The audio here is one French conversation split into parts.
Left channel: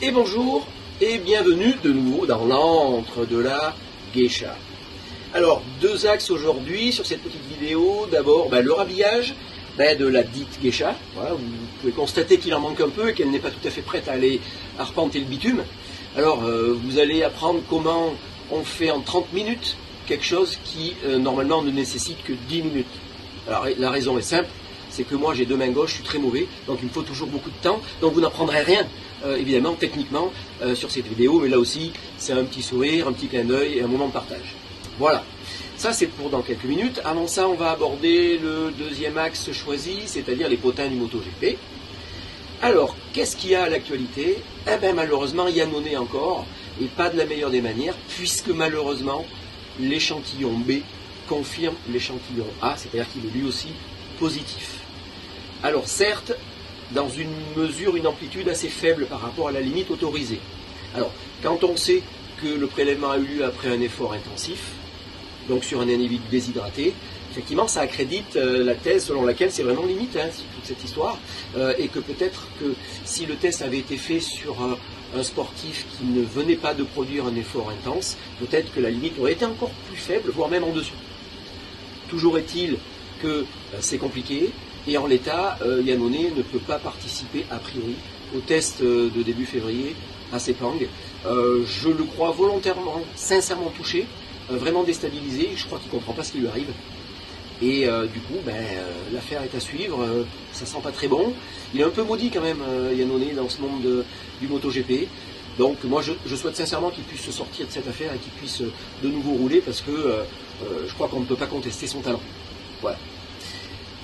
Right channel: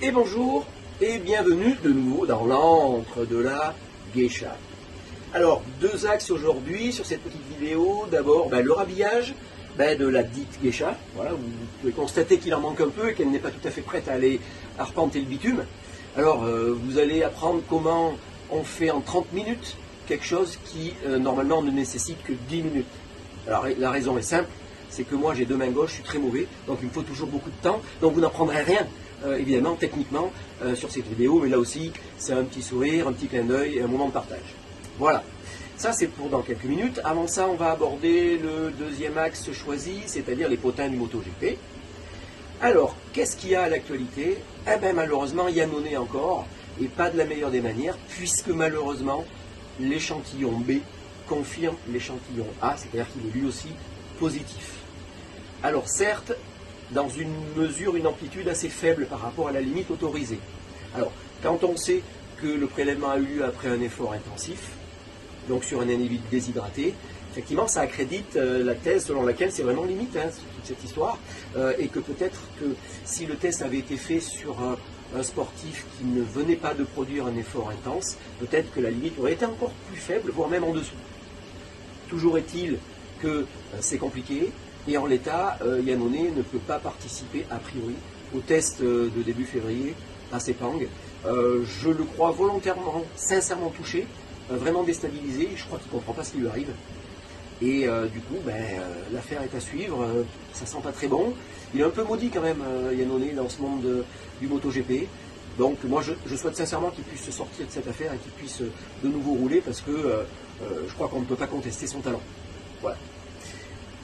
Et bonjour et bienvenue de nouveau dans l'antre de la geisha. Alors, deux axes aujourd'hui sur cette petite vidéo. D'abord, le rhabillage de la dite geisha. Voilà, vous pouvez constater qu'il en manque un peu et qu'elle n'est pas tout à fait prête à aller arpenter le bitume. Alors, vous allez apprendre comment on fait en 30 minutes quelque chose qui, normalement, ne nécessite que 10 minutes. Alors, la raison est simple, c'est que moi j'ai deux mains gauches, je suis très mauvais, donc il me faut toujours beaucoup de temps, donc vous n'apprendrez rien, évidemment, techniquement, sur cette vidéo, mais là aussi, c'est un petit sourire, un petit clin d'œil et un moment de partage. Voilà, ça c'est pour dans quelques minutes. Avant ça, on va aborder le deuxième axe choisi, c'est-à-dire les potins du MotoGP. Alors, qu'est-ce qu'il y a à l'actualité? Eh bien, malheureusement, Iannone encore, et pas de la meilleure des manières, puisque malheureusement, l'échantillon B confirme l'échantillon A, c'est-à-dire qu'il est lui aussi positif. Alors certes, dans une mesure, une amplitude assez faible par rapport à la limite autorisée. Alors, quand on sait que le prélèvement a eu lieu après un effort intensif, donc sur un individu déshydraté, effectivement, ça accrédite la thèse selon laquelle c'est vraiment limite, toute cette histoire, et que peut-être que si le test avait été fait sur un sportif qui ne venait pas de produire un effort intense, peut-être que la limite aurait été encore plus faible, voire même en dessous. Toujours est-il que c'est compliqué, et en l'état, Iannone ne peut pas participer a priori au test de début février à Sepang. Je le crois volontairement, sincèrement touché, vraiment déstabilisé, je crois qu'il ne comprend pas ce qui lui arrive. Et du coup, l'affaire est à suivre, ça sent pas très bon. Il est un peu maudit quand même, Iannone, dans ce monde du MotoGP. Donc moi je souhaite sincèrement qu'il puisse se sortir de cette affaire et qu'il puisse de nouveau rouler parce que je crois qu'on ne peut pas contester son talent. Voilà.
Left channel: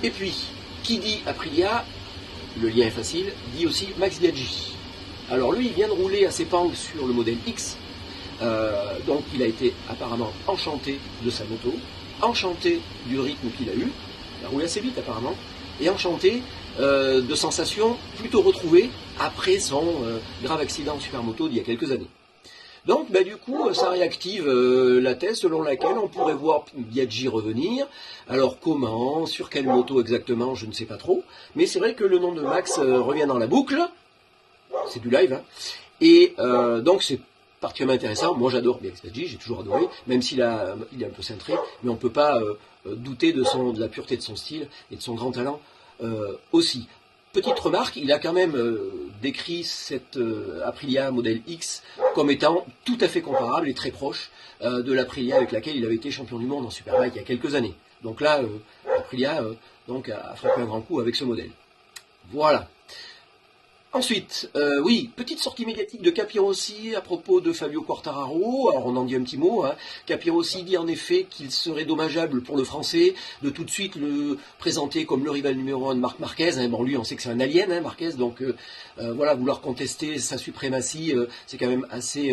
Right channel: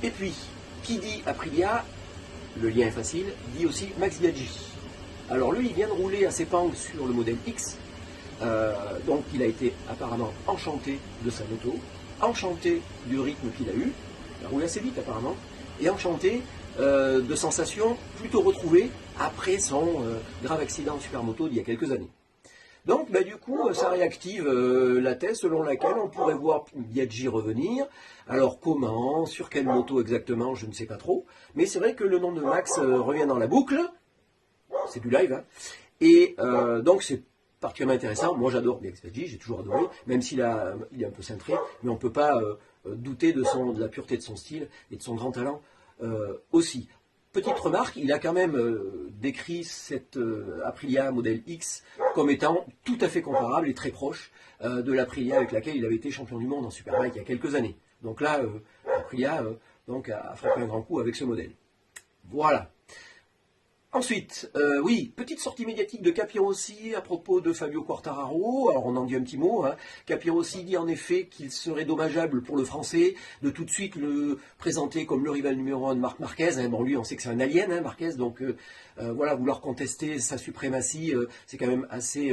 Et puis, qui dit Aprilia, le lien est facile, dit aussi Max Biaggi. Alors lui, il vient de rouler à Sepang sur le modèle X, donc il a été apparemment enchanté de sa moto, enchanté du rythme qu'il a eu, il a roulé assez vite apparemment, et enchanté de sensations plutôt retrouvées après son grave accident de supermoto d'il y a quelques années. Donc, du coup, ça réactive la thèse selon laquelle on pourrait voir Biaggi revenir. Alors, comment, sur quelle moto exactement, je ne sais pas trop. Mais c'est vrai que le nom de Max revient dans la boucle. C'est du live, hein. Et donc, c'est particulièrement intéressant. Moi, j'adore Biaggi, j'ai toujours adoré, même s'il est un peu cintré. Mais on ne peut pas douter de la pureté de son style et de son grand talent aussi. Petite remarque, il a quand même décrit cette Aprilia modèle X comme étant tout à fait comparable et très proche de l'Aprilia avec laquelle il avait été champion du monde en Superbike il y a quelques années. Donc là, Aprilia a frappé un grand coup avec ce modèle. Voilà. Ensuite, oui, petite sortie médiatique de Capirossi à propos de Fabio Quartararo. Alors on en dit un petit mot. Capirossi dit en effet qu'il serait dommageable pour le Français de tout de suite le présenter comme le rival numéro 1 de Marc Marquez. Bon, lui, on sait que c'est un alien, Marquez, donc voilà, vouloir contester sa suprématie, c'est quand même assez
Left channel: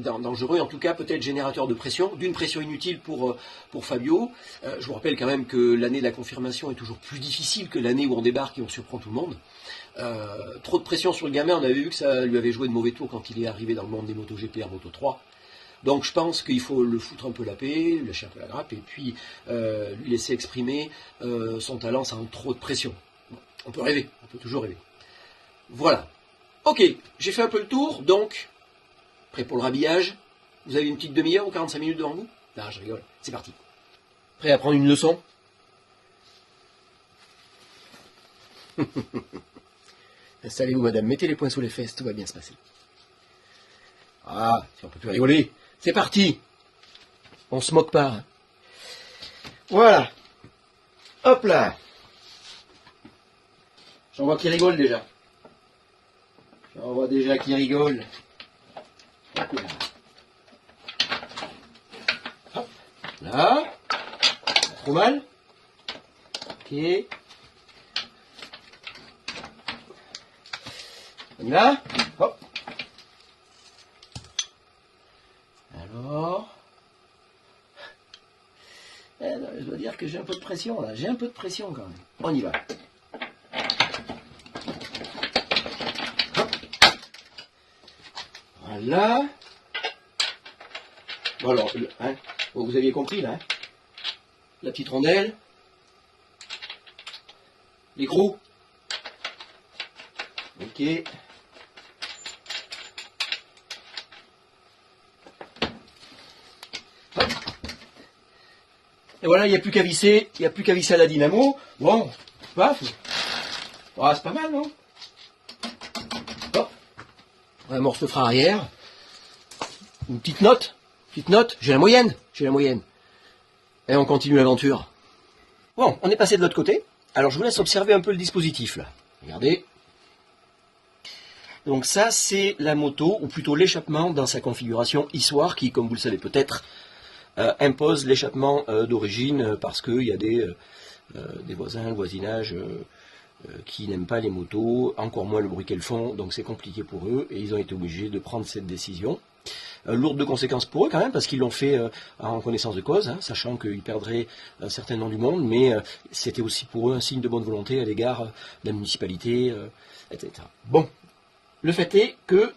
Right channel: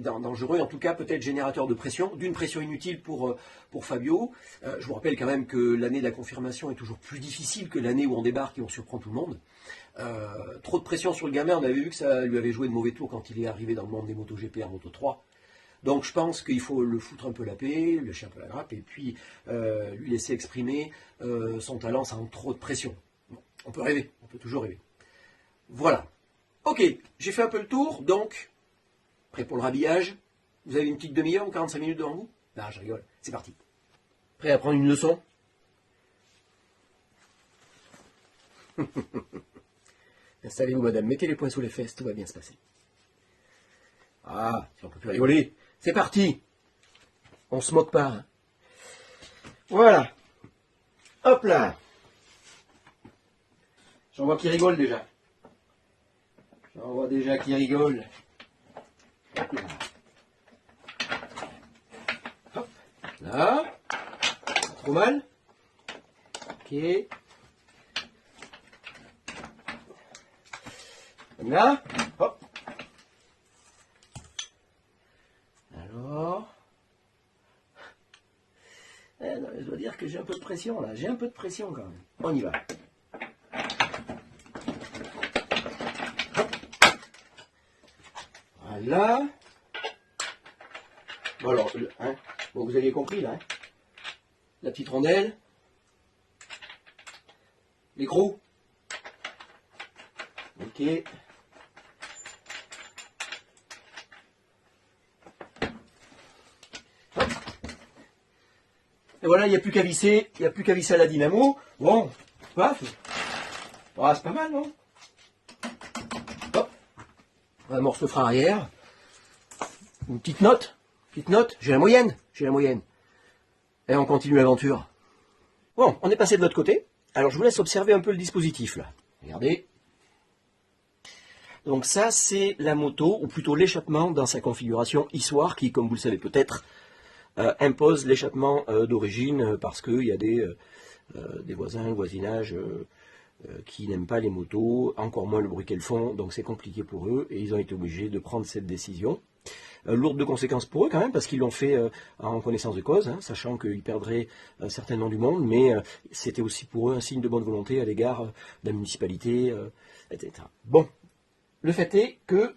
dangereux. En tout cas, peut-être générateur de pression, d'une pression inutile pour Fabio. Je vous rappelle quand même que l'année de la confirmation est toujours plus difficile que l'année où on débarque et on surprend tout le monde. Trop de pression sur le gamin, on avait vu que ça lui avait joué de mauvais tours quand il est arrivé dans le monde des MotoGP en Moto 3. Donc je pense qu'il faut le foutre un peu la paix, le lâcher un peu la grappe, et puis lui laisser exprimer son talent sans trop de pression. On peut rêver, on peut toujours rêver. Voilà. Ok, j'ai fait un peu le tour, donc, prêt pour le rhabillage. Vous avez une petite demi-heure ou 45 minutes devant vous? Non, je rigole, c'est parti. Prêt à prendre une leçon? Installez-vous, madame, mettez les poings sous les fesses, tout va bien se passer. Ah, si on peut plus rigoler. C'est parti. On se moque pas. Voilà. Hop là. J'en vois qui rigole déjà. J'en vois déjà qui rigole. Hop là. Hop. Là. Pas trop mal. Ok. Là. Hop. Alors. Je dois dire que j'ai un peu de pression là. J'ai un peu de pression quand même. On y va. Hop. Voilà. Bon alors, bon, vous aviez compris là. La petite rondelle. Les gros. Ok. Et voilà, il n'y a plus qu'à visser, à la dynamo. Bon, paf. Ah, c'est pas mal, non? Hop. Un morceau frein arrière. Une petite note. J'ai la moyenne. Et on continue l'aventure. Bon, on est passé de l'autre côté. Alors, je vous laisse observer un peu le dispositif, là. Regardez. Donc ça, c'est la moto, ou plutôt l'échappement dans sa configuration histoire, qui, comme vous le savez peut-être, impose l'échappement d'origine, parce qu'il y a des voisins, le voisinage, qui n'aiment pas les motos, encore moins le bruit qu'elles font, donc c'est compliqué pour eux, et ils ont été obligés de prendre cette décision. Lourde de conséquences pour eux quand même, parce qu'ils l'ont fait en connaissance de cause, hein, sachant qu'ils perdraient certainement du monde, mais c'était aussi pour eux un signe de bonne volonté à l'égard de la municipalité, etc. Bon, le fait est que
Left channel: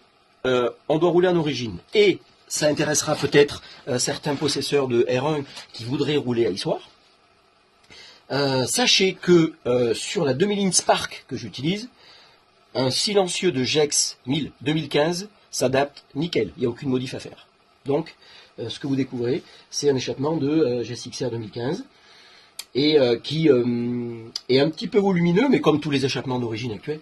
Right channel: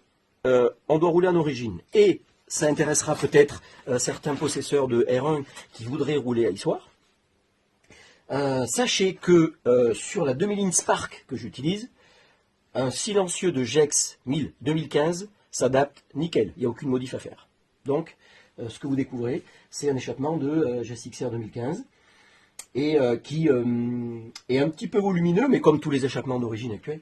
on doit rouler en origine, et ça intéressera peut-être certains possesseurs de R1 qui voudraient rouler à l'histoire. Sachez que sur la demi-ligne Spark que j'utilise, un silencieux de Gex 1000 2015 s'adapte nickel, il n'y a aucune modif à faire. Donc, ce que vous découvrez, c'est un échappement de GSXR 2015, et qui est un petit peu volumineux, mais comme tous les échappements d'origine actuels,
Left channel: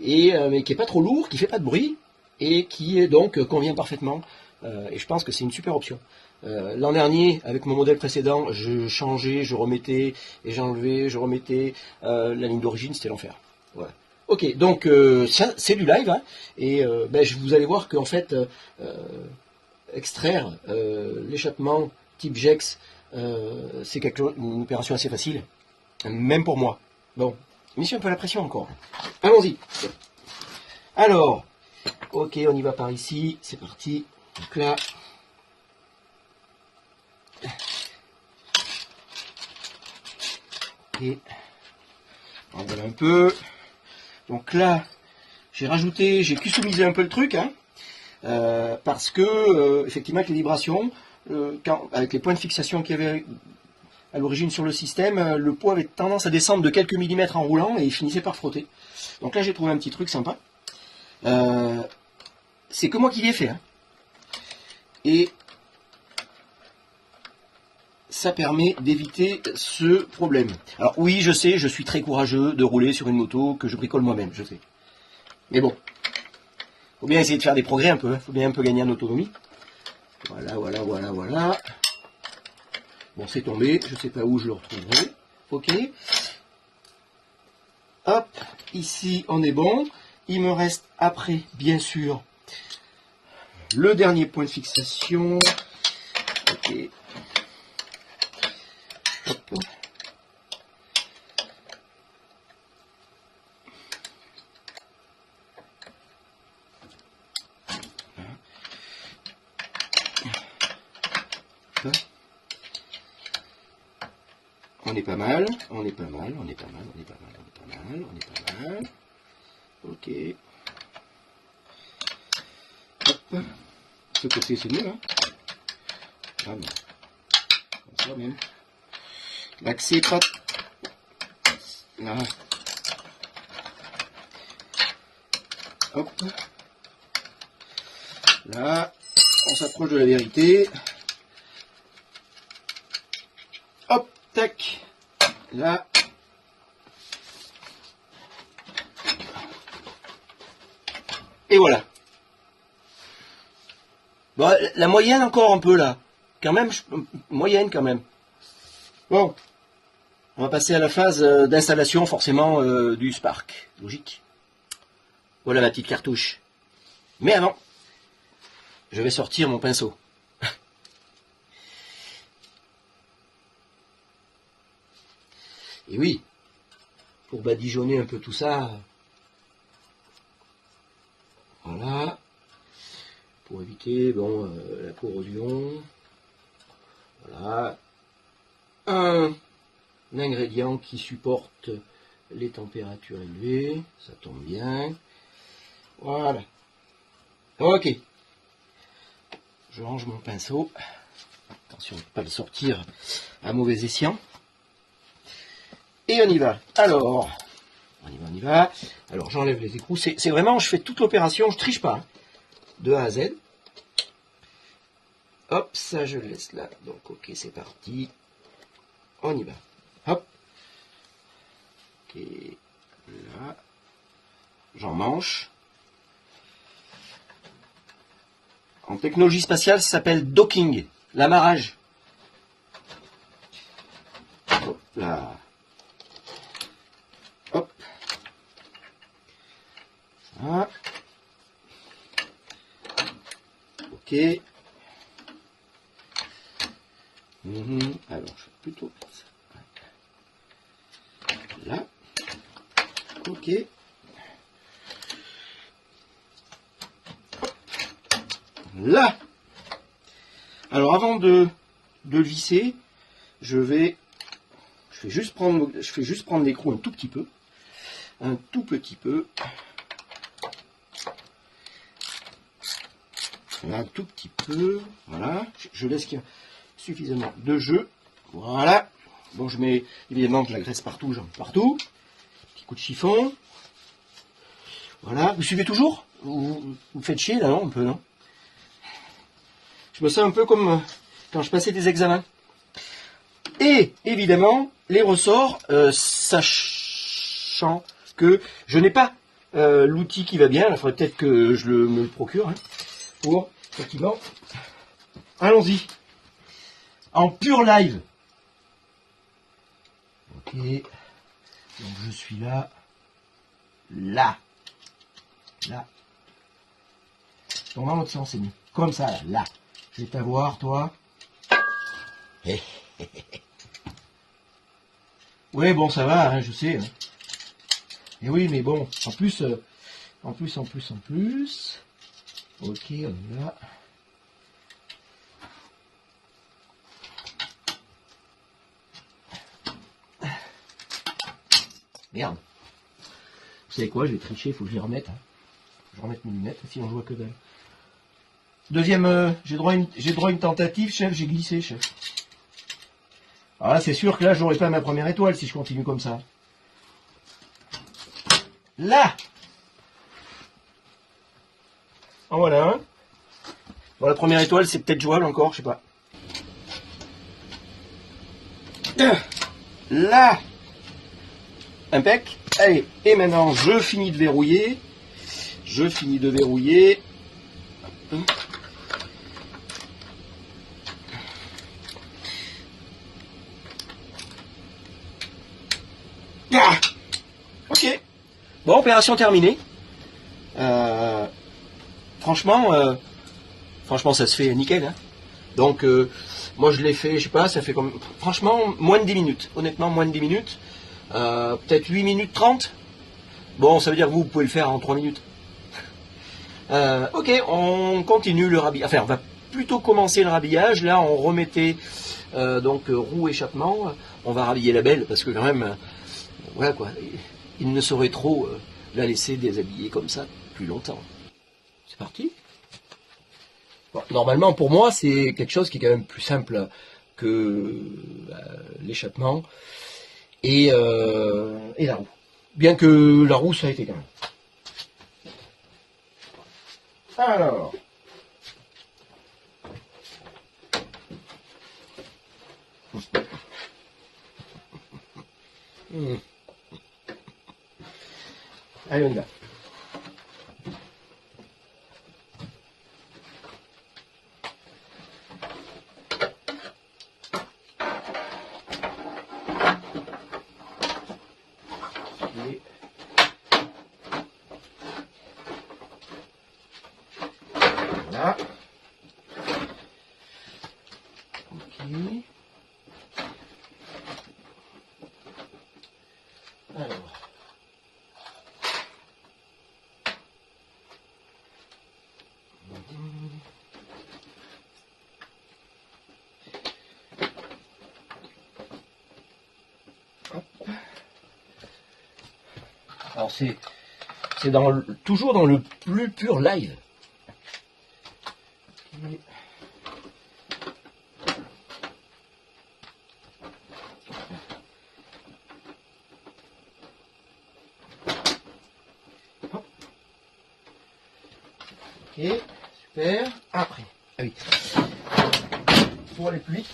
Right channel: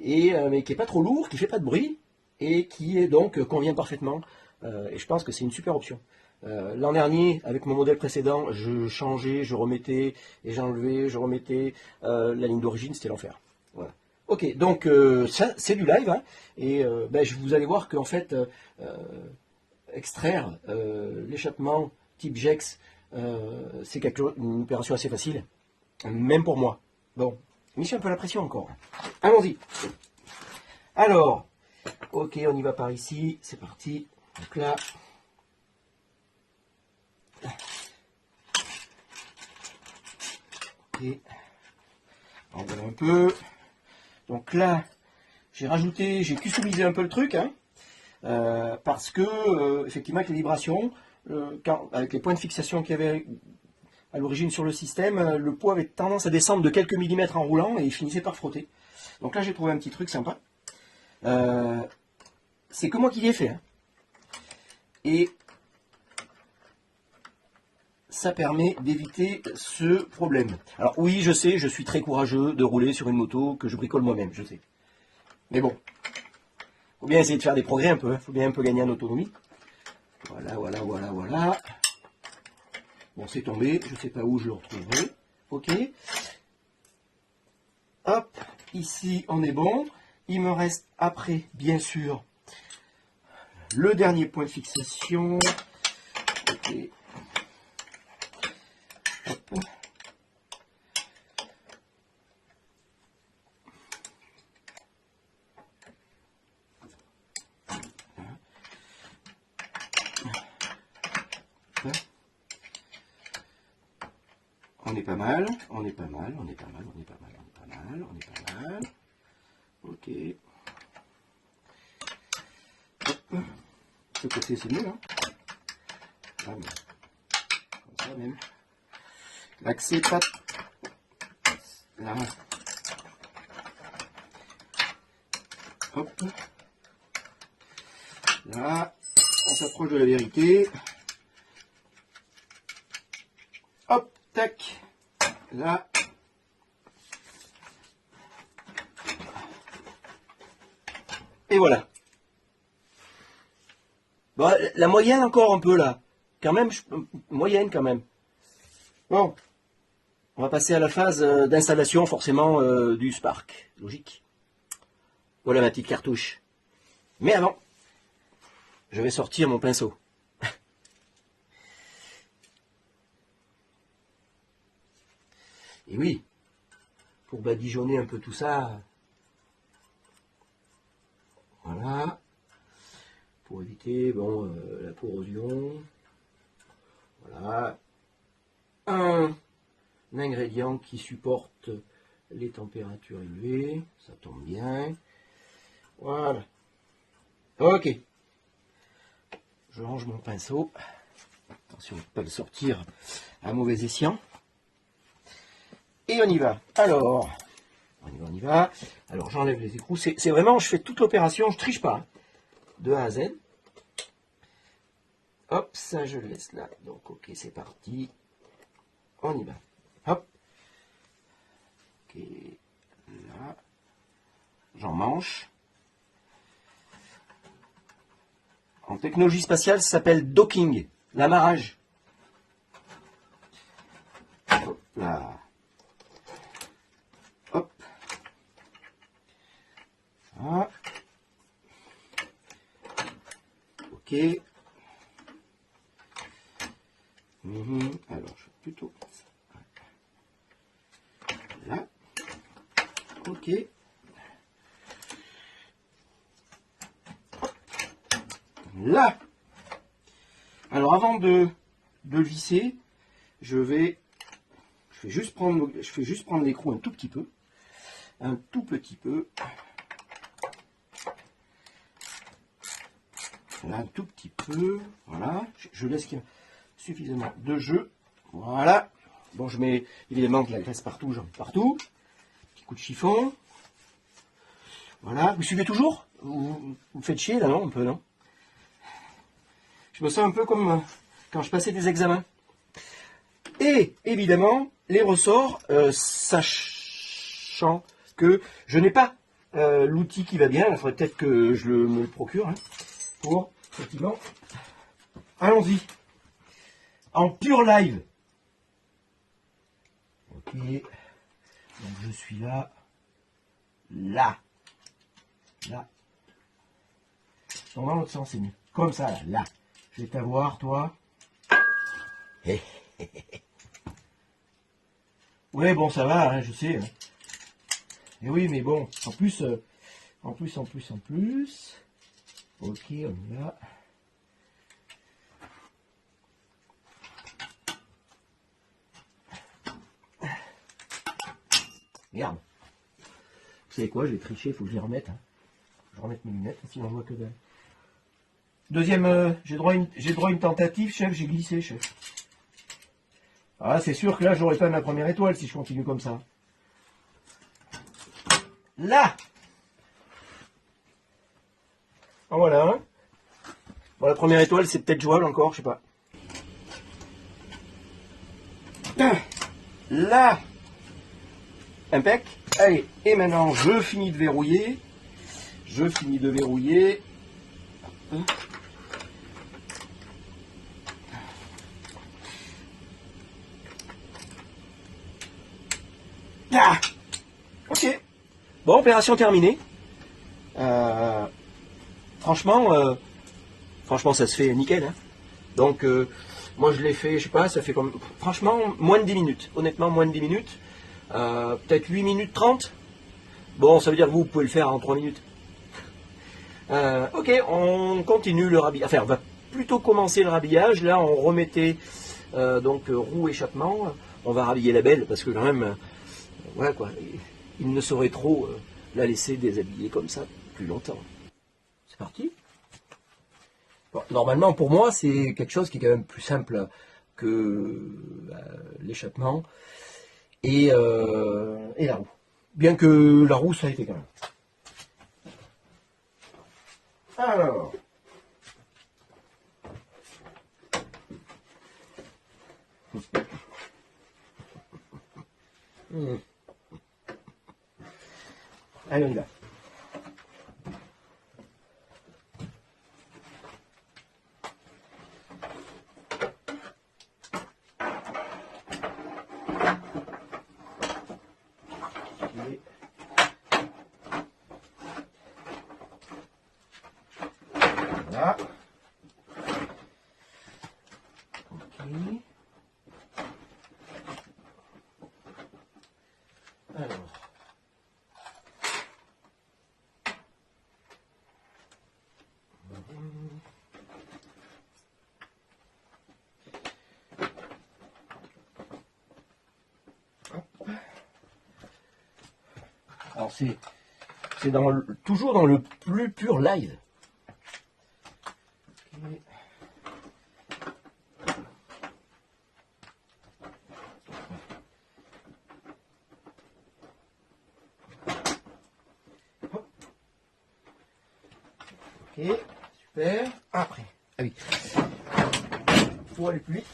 et mais qui n'est pas trop lourd, qui ne fait pas de bruit, et qui est donc convient parfaitement, et je pense que c'est une super option. L'an dernier, avec mon modèle précédent, je changeais, je remettais, et j'enlevais, je remettais, la ligne d'origine, c'était l'enfer. Voilà. Ok, donc ça c'est du live, hein, et vous allez voir qu'en fait, extraire l'échappement type Gex, c'est une opération assez facile, même pour moi. Bon, mission un peu la pression encore. Allons-y. Alors, ok, on y va par ici, c'est parti. Donc là, et on va un peu. Donc là, j'ai customisé un peu le truc, hein, parce que, effectivement, avec les vibrations, avec les points de fixation qu'il y avait à l'origine sur le système, le poids avait tendance à descendre de quelques millimètres en roulant et il finissait par frotter. Donc là, j'ai trouvé un petit truc sympa. C'est que moi qui l'ai fait. Hein. Et ça permet d'éviter ce problème. Alors oui, je sais, je suis très courageux de rouler sur une moto que je bricole moi-même, je sais. Mais bon, faut bien essayer de faire des progrès un peu, il faut bien un peu gagner en autonomie. Voilà. Bon, c'est tombé, je ne sais pas où je le retrouverai. Ok. Hop, ici on est bon. Il me reste après, bien sûr, le dernier point de fixation. Ok. On est pas mal. Ok. Hop. Ce côté c'est mieux, hein. Ah, mais comme ça même. L'accès pas. Là. Hop. Là, on s'approche de la vérité. Hop, tac. Là. Et voilà. Bon, la moyenne encore un peu là. Quand même, moyenne quand même. Bon. On va passer à la phase d'installation forcément du Spark. Logique. Voilà la petite cartouche. Mais avant, je vais sortir mon pinceau. Et oui, pour badigeonner un peu tout ça, voilà, pour éviter la corrosion, voilà, un ingrédient qui supporte les températures élevées, ça tombe bien, voilà, ok, je range mon pinceau, attention, pas le sortir à mauvais escient. Et on y va. Alors, on y va. Alors, j'enlève les écrous. C'est vraiment, je fais toute l'opération, je triche pas. Hein, de A à Z. Hop, ça, je le laisse là. Donc, ok, c'est parti. On y va. Hop. Ok. Là. J'en manche. En technologie spatiale, ça s'appelle docking, l'amarrage. Hop là. Hop. Ah. Ok. Alors, je fais plutôt ça. Là. Ok. Là. Alors, avant de visser, je fais juste prendre l'écrou un tout petit peu. Un tout petit peu. Un tout petit peu. Voilà. Je laisse qu'il y a suffisamment de jeu. Voilà. Bon, je mets évidemment de la graisse partout, partout. Petit coup de chiffon. Voilà. Vous suivez toujours? Vous me faites chier là, un peu, non? Je me sens un peu comme quand je passais des examens. Et évidemment, les ressorts, sachant que je n'ai pas l'outil qui va bien, il faudrait peut-être que je me le procure, hein, pour, effectivement. Allons-y. En pur live. Ok. Donc je suis là. Là. Là. Donc dans l'autre sens, c'est mieux. Comme ça, là. Je vais t'avoir, toi. Oui, bon, ça va, hein, je sais. Et oui, mais bon, en plus. Ok, on est là. Merde. Vous savez quoi, je vais tricher, il faut que je les remette. Je vais remettre mes lunettes, sinon je vois que dalle. Deuxième, j'ai droit à une tentative, chef, j'ai glissé, chef. Alors là, c'est sûr que là, je n'aurai pas ma première étoile si je continue comme ça. Là. En voilà un. Bon, la première étoile, c'est peut-être jouable encore, je sais pas. Là. Impec. Allez, et maintenant, je finis de verrouiller. Ah, ok. Bon, opération terminée. Franchement, ça se fait nickel. Hein. Donc, moi, je l'ai fait, je sais pas, ça fait comme... Franchement, moins de 10 minutes. Honnêtement, moins de 10 minutes. Peut-être 8 minutes 30. Bon, ça veut dire que vous pouvez le faire en 3 minutes. Ok, on continue le rhabillage. Enfin, on va plutôt commencer le rhabillage. Là, on remettait donc roue échappement. On va rhabiller la belle parce que quand même, voilà quoi. Il ne saurait trop la laisser déshabiller comme ça plus longtemps. C'est parti. Normalement, pour moi, c'est quelque chose qui est quand même plus simple que l'échappement et la roue. Bien que la roue, ça a été quand même. Alors. Allez, on y va. Alors. Alors c'est toujours dans le plus pur live. Ok, super. Après, pour aller plus vite,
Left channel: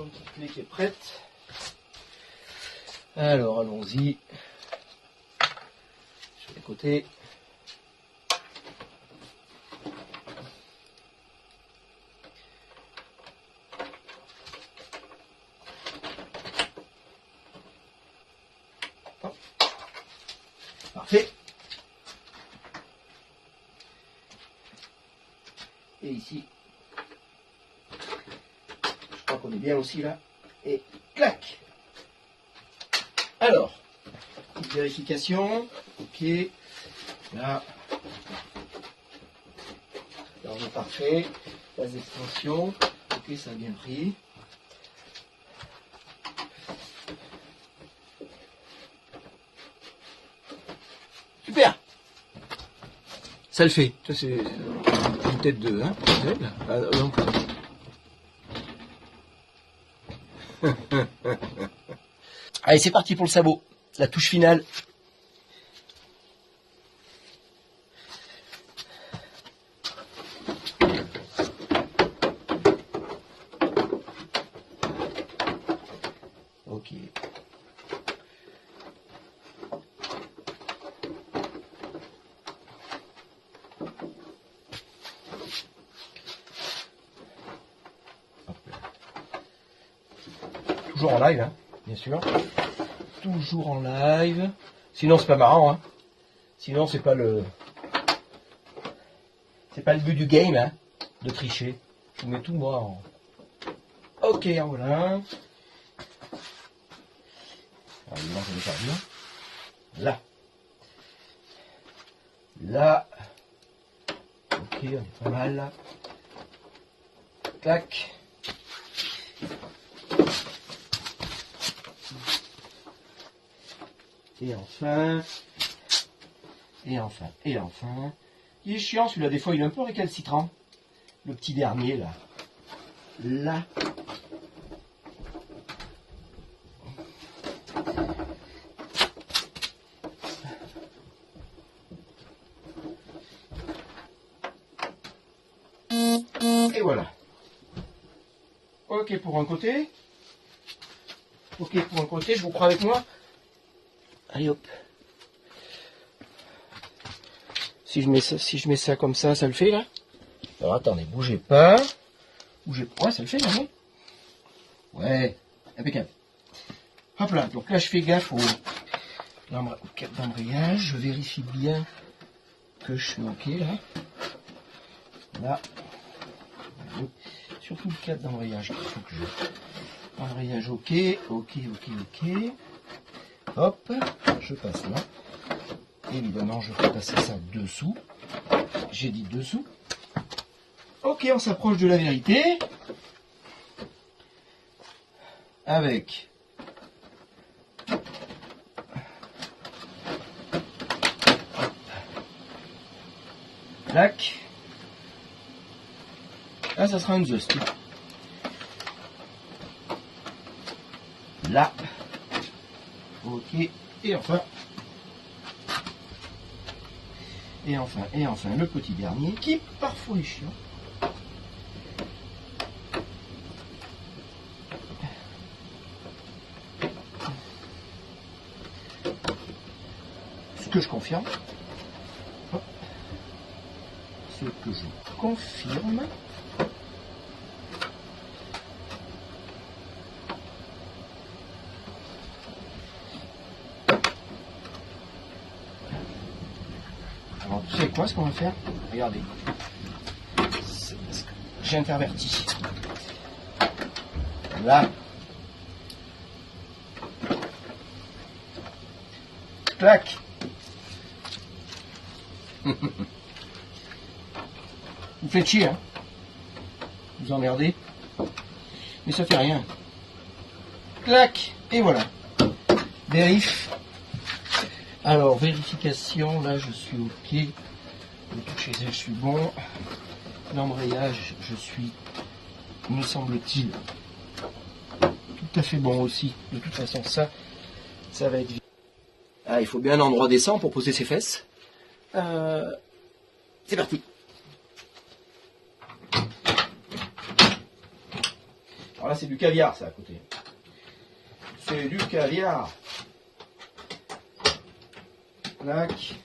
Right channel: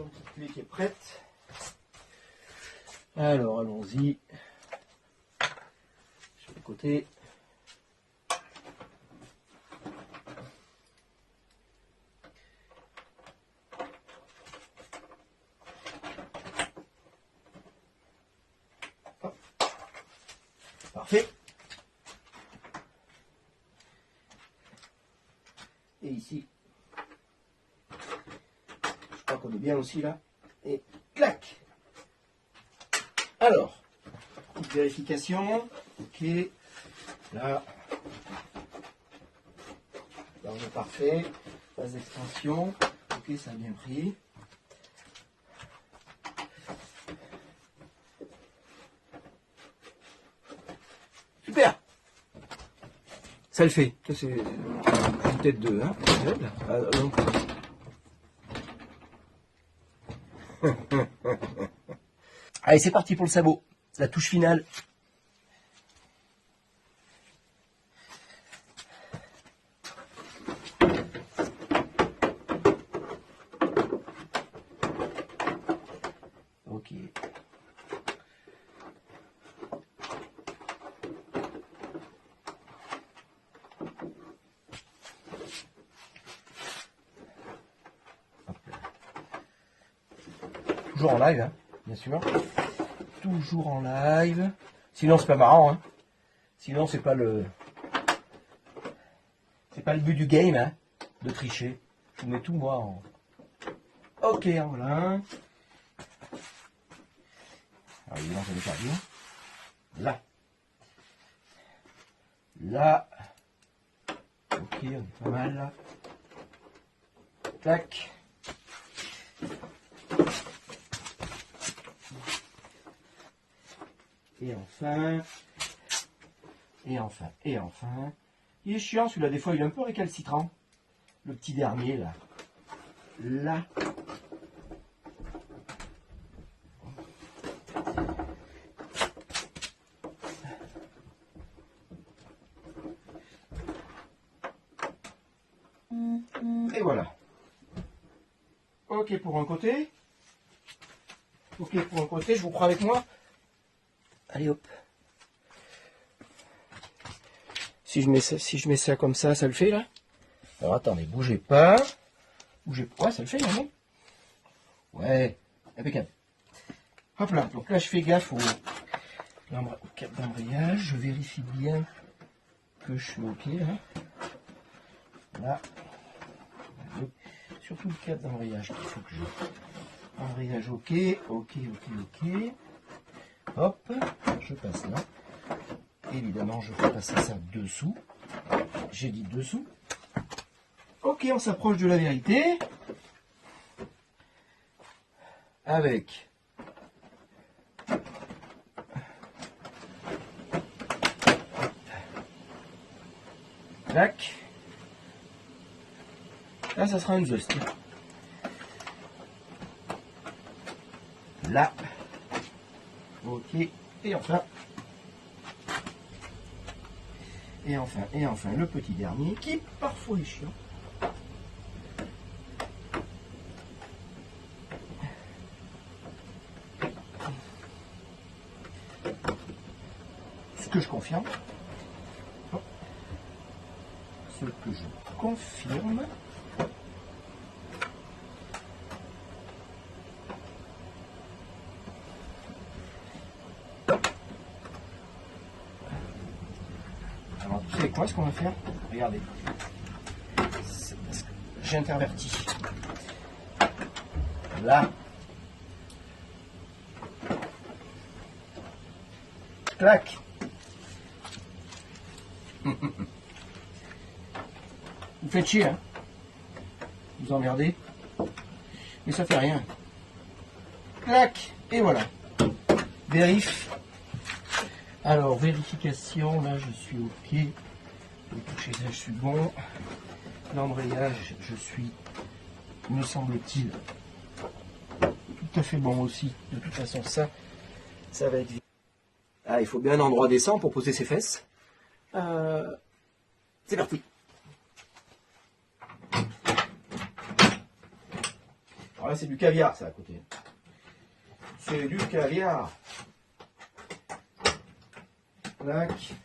jolie petite clé qui est prête. Alors, allons-y. Sur les côtés. Hop. Parfait. Et ici, je crois qu'on est bien aussi là. Et clac. Alors, vérification. Ok. Là, on est parfait. Phase d'extension. Ok, ça a bien pris. Super. Ça le fait. Ça, c'est une tête de... Hein, donc. Allez, c'est parti pour le sabot. La touche finale. Ok. Toujours en live, hein, bien sûr. Toujours en live. Sinon, c'est pas marrant, hein. Sinon, c'est pas le but du game, hein, de tricher. Je vous mets tout moi en... Ok, voilà. Là. Là. Ok, pas mal. Tac. Et enfin. Et enfin. Et enfin. Il est chiant celui-là, des fois il est un peu récalcitrant. Le petit dernier là. Là. Et voilà. Ok pour un côté. Ok pour un côté, je vous crois avec moi. Allez hop. Si je mets ça comme ça le fait là. Alors attendez, bougez pas. Bougez pas, ouais, ça le fait non? Ouais, impeccable. Hop là, donc là je fais gaffe au cap d'embrayage, je vérifie bien que je suis ok là. Là. Surtout le cap d'embrayage, il faut que je... Embrayage ok, ok. Hop, je passe là. Évidemment, je vais passer ça dessous. J'ai dit dessous. Ok, on s'approche de la vérité. Avec tac. Là, ça sera un just. Là. Ok. Et enfin. Et enfin, le petit dernier qui parfois est chiant. Ce que je confirme. Ce que je confirme. Alors, vous savez quoi ce qu'on va faire? Regardez. J'intervertis. Là. Clac. Vous faites chier, hein. Vous emmerdez. Mais ça fait rien. Clac. Et voilà. Vérif. Alors, vérification. Là, je suis ok. Le toucher, je suis bon. L'embrayage, je suis, me semble-t-il, tout à fait bon aussi. De toute façon, ça va être vite. Ah, il faut bien un endroit décent pour poser ses fesses. C'est parti. Alors là, c'est du caviar, ça, à côté. C'est du caviar. Clac.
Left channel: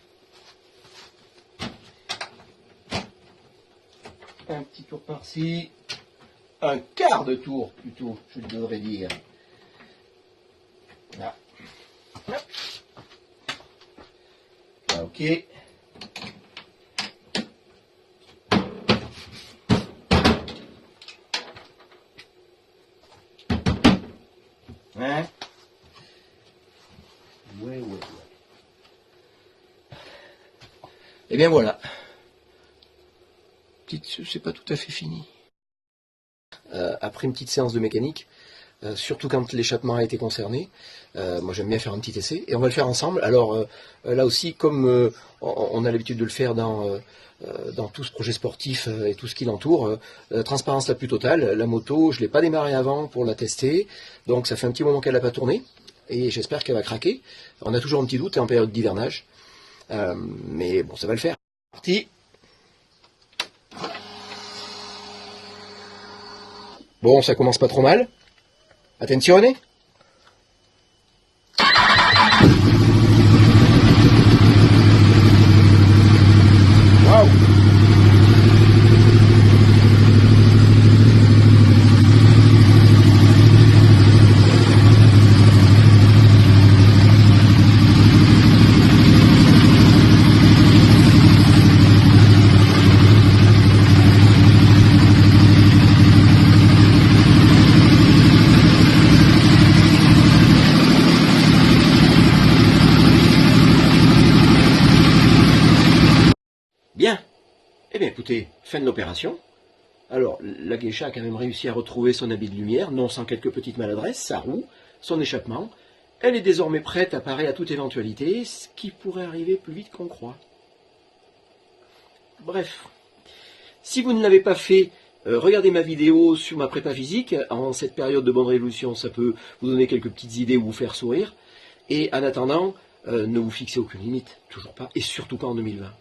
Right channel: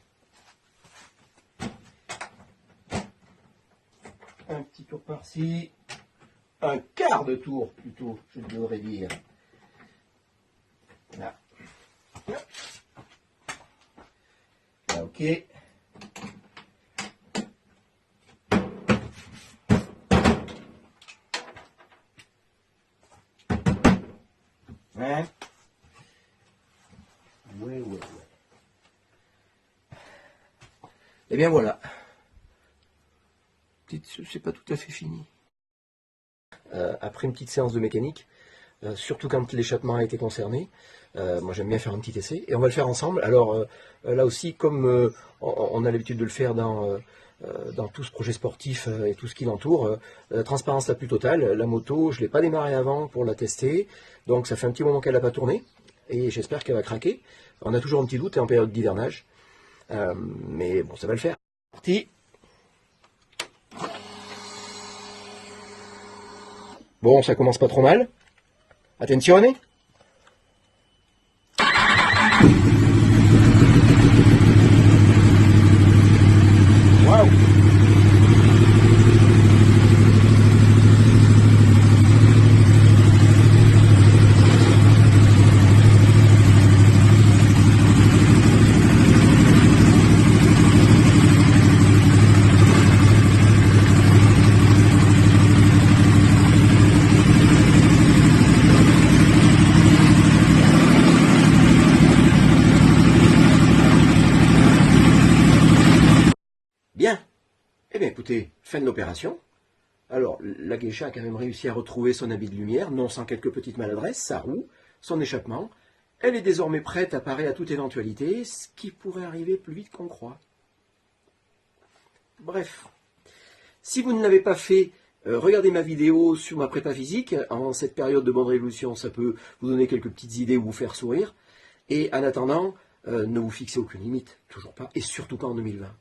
Un petit tour par-ci. Un quart de tour, plutôt, je devrais dire. Là. Hop. Là, ok. Hein? Ouais. Et bien voilà. C'est pas tout à fait fini. Après une petite séance de mécanique, surtout quand l'échappement a été concerné, moi j'aime bien faire un petit essai, et on va le faire ensemble. Alors là aussi, comme on a l'habitude de le faire dans tout ce projet sportif et tout ce qui l'entoure, la transparence la plus totale. La moto, je ne l'ai pas démarrée avant pour la tester, donc ça fait un petit moment qu'elle n'a pas tourné, et j'espère qu'elle va craquer. On a toujours un petit doute, et en période d'hivernage, mais bon, ça va le faire. Parti. Bon, ça commence pas trop mal. Attenzione. Wow. Bien. Eh bien, écoutez, fin de l'opération. Alors, la Geisha a quand même réussi à retrouver son habit de lumière, non sans quelques petites maladresses, son échappement. Elle est désormais prête à parer à toute éventualité, ce qui pourrait arriver plus vite qu'on croit. Bref, si vous ne l'avez pas fait, regardez ma vidéo sur ma prépa physique. En cette période de bonne résolution, ça peut vous donner quelques petites idées ou vous faire sourire. Et en attendant, ne vous fixez aucune limite, toujours pas, et surtout pas en 2020.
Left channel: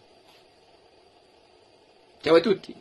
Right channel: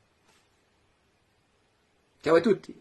Ciao à tutti!